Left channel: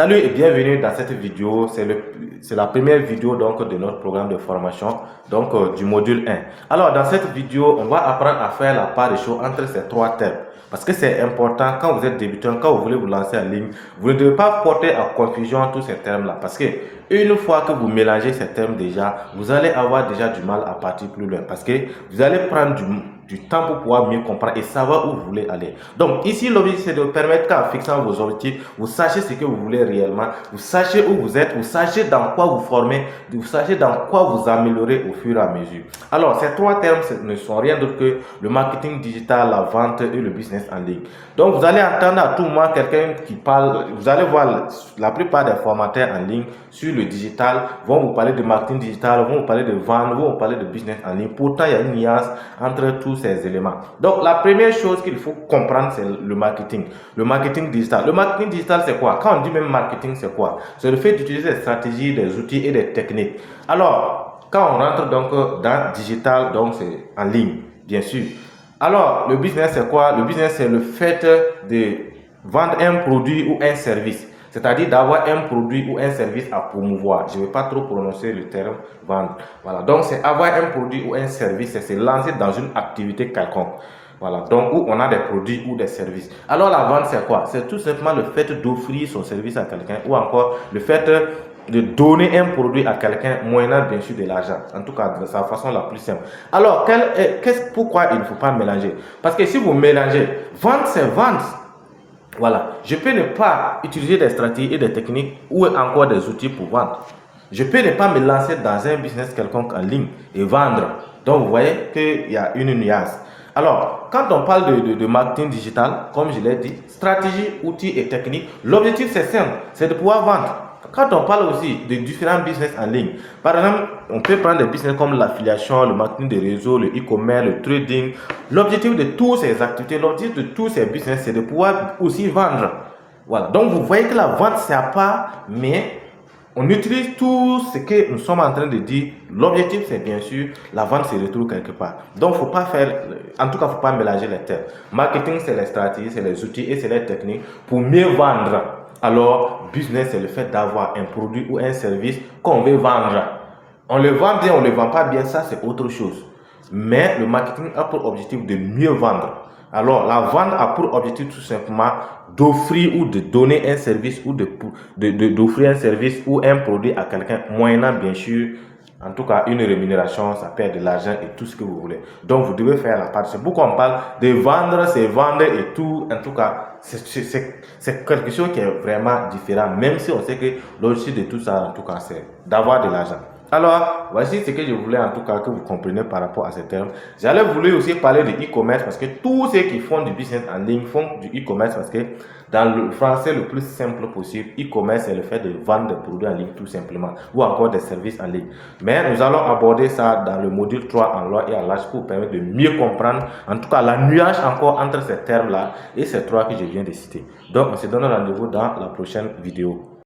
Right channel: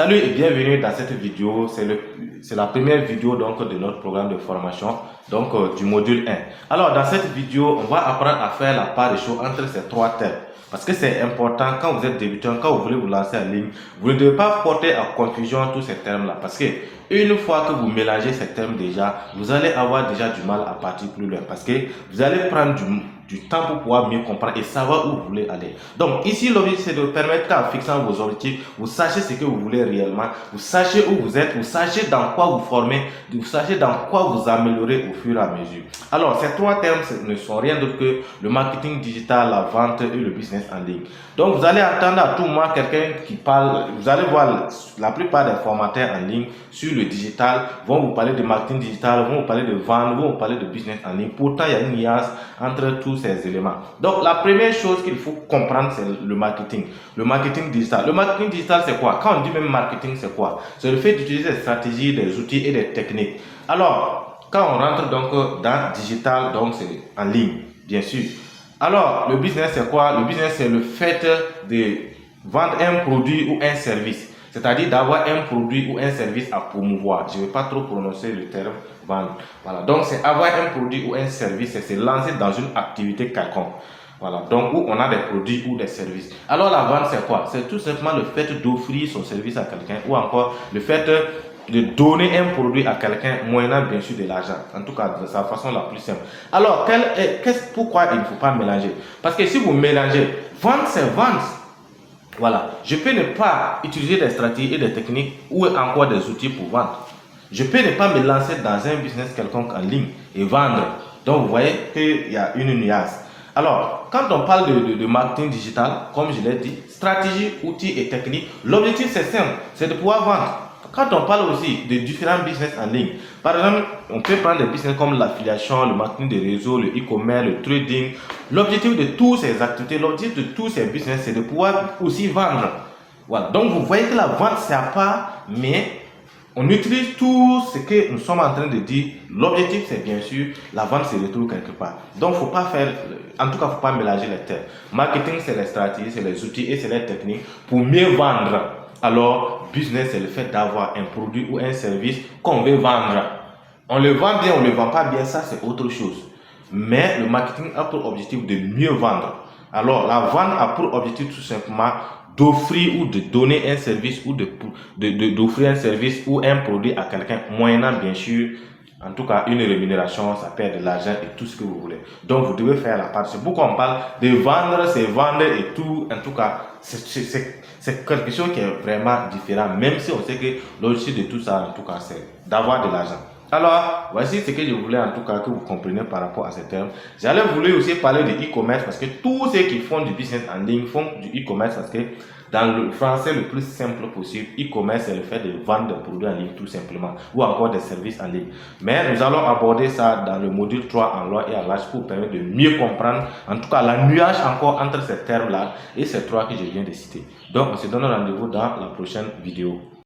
Salut et bienvenue dans cette vidéo. C'est la première vidéo donc de notre programme de formation du module 1. Alors dans cette vidéo, on va apprendre à faire la part des choses entre ces trois termes. Parce que c'est important quand vous êtes débutant, quand vous voulez vous lancer en ligne, vous ne devez pas porter à confusion tous ces termes-là. Parce que une fois que vous mélangez ces termes déjà, vous allez avoir déjà du mal à partir plus loin. Parce que vous allez prendre du temps pour pouvoir mieux comprendre et savoir où vous voulez aller. Donc ici, l'objectif c'est de permettre qu'en fixant vos objectifs, vous sachiez ce que vous voulez réellement, vous sachiez où vous êtes, vous sachiez dans quoi vous formez, vous sachiez dans quoi vous améliorer au fur et à mesure. Alors, ces trois termes ne sont rien d'autre que le marketing digital, la vente et le business en ligne. Donc, vous allez entendre à tout moment quelqu'un qui parle, vous allez voir la plupart des formateurs en ligne sur le digital vont vous parler de marketing digital, vont vous parler de vente, vont vous parler de business en ligne. Pourtant, il y a une nuance entre tous ces éléments. Donc, la première chose qu'il faut comprendre, c'est le marketing. Le marketing digital. Le marketing digital, c'est quoi? Quand on dit même marketing, c'est quoi? C'est le fait d'utiliser des stratégies, des outils et des techniques. Alors, quand on rentre donc dans digital, donc c'est en ligne, bien sûr. Alors, le business, c'est quoi? Le business, c'est le fait de vendre un produit ou un service. C'est-à-dire d'avoir un produit ou un service à promouvoir. Je ne vais pas trop prononcer le terme vendre. Voilà. Donc, c'est avoir un produit ou un service, c'est se lancer dans une activité quelconque. Voilà. Donc, où on a des produits ou des services. Alors, la vente, c'est quoi? C'est tout simplement le fait d'offrir son service à quelqu'un ou encore le fait de donner un produit à quelqu'un moyennant bien sûr de l'argent. En tout cas, de sa façon la plus simple. Alors, pourquoi il ne faut pas mélanger? Parce que si vous mélangez, vente, c'est vente. Voilà. Je peux ne pas utiliser des stratégies et des techniques ou encore des outils pour vendre. Je peux ne pas me lancer dans un business quelconque en ligne et vendre. Donc, vous voyez qu'il y a une nuance. Alors, quand on parle de marketing digital, comme je l'ai dit, stratégie, outils et techniques, l'objectif c'est simple, c'est de pouvoir vendre. Quand on parle aussi de différents business en ligne, par exemple, on peut prendre des business comme l'affiliation, le marketing des réseaux, le e-commerce, le trading. L'objectif de toutes ces activités, l'objectif de tous ces business, c'est de pouvoir aussi vendre. Voilà. Donc, vous voyez que la vente, c'est à part, mais on utilise tout ce que nous sommes en train de dire. L'objectif, c'est bien sûr, la vente se retrouve quelque part. Donc, faut pas faire, en tout cas, faut pas mélanger les termes. Marketing, c'est les stratégies, c'est les outils et c'est les techniques pour mieux vendre. Alors, business, c'est le fait d'avoir un produit ou un service qu'on veut vendre. On le vend bien, on ne le vend pas bien, ça c'est autre chose. Mais le marketing a pour objectif de mieux vendre. Alors, la vente a pour objectif tout simplement d'offrir ou de donner un service ou d'offrir un service ou un produit à quelqu'un, moyennant bien sûr, en tout cas, une rémunération, ça perd de l'argent et tout ce que vous voulez. Donc, vous devez faire la part. C'est pourquoi on parle de vendre, c'est vendre et tout. En tout cas, c'est quelque chose qui est vraiment différent, même si on sait que l'objectif de tout ça, en tout cas, c'est d'avoir de l'argent. Alors, voici ce que je voulais en tout cas que vous compreniez par rapport à ces termes. J'allais vouloir aussi parler de e-commerce parce que tous ceux qui font du business en ligne font du e-commerce parce que dans le français le plus simple possible, e-commerce c'est le fait de vendre des produits en ligne tout simplement ou encore des services en ligne. Mais nous allons aborder ça dans le module 3 en loi et en large pour permettre de mieux comprendre en tout cas la nuance encore entre ces termes-là et ces trois que je viens de citer. Donc, on se donne rendez-vous dans la prochaine vidéo.